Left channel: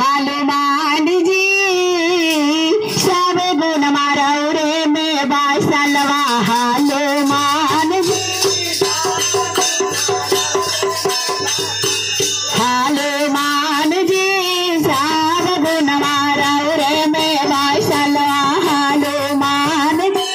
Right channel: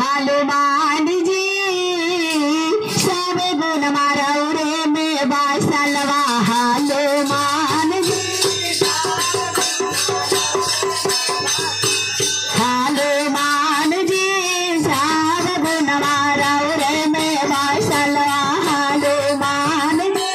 हनुमान जी सब गुण मारौरे में बासलवा हनुमान जी हनुमान जी सब गुण मारौरे में बासलवा हनुमान जी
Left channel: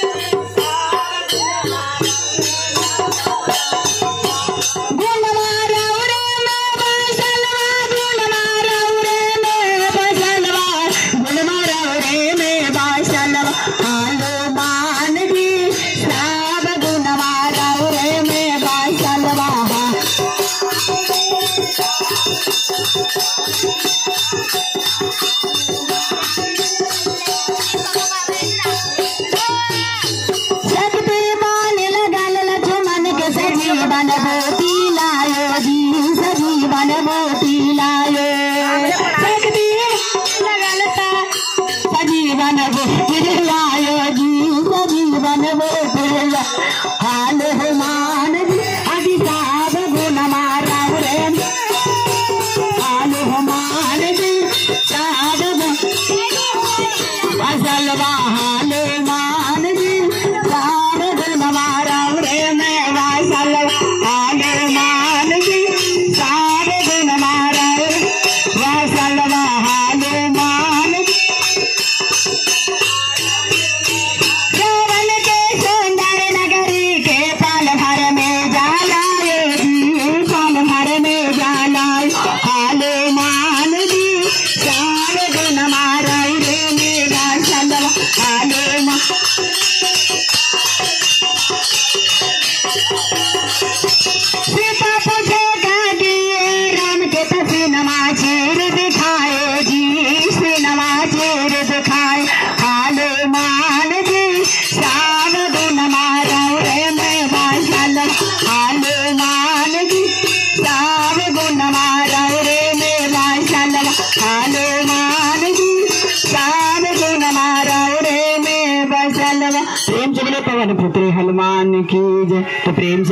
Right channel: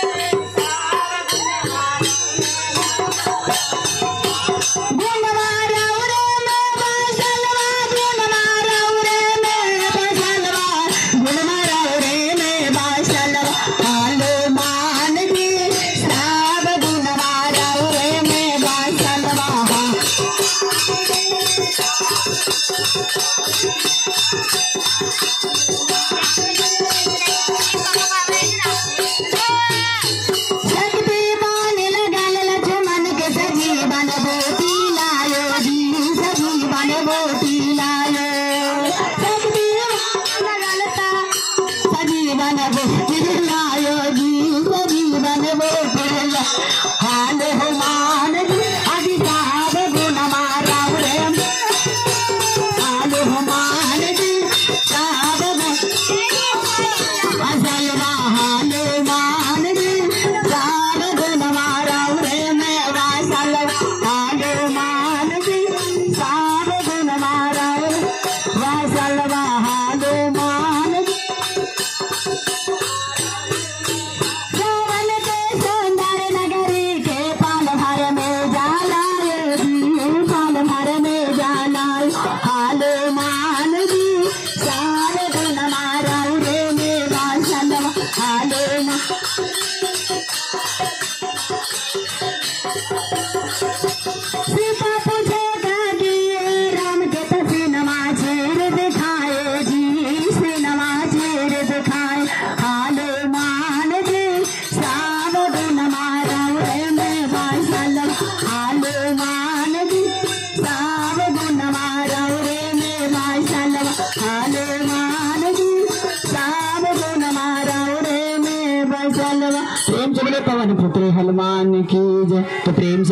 प्रेम से बोले पवन पुत्र हनुमान की जय। तो प्रेम से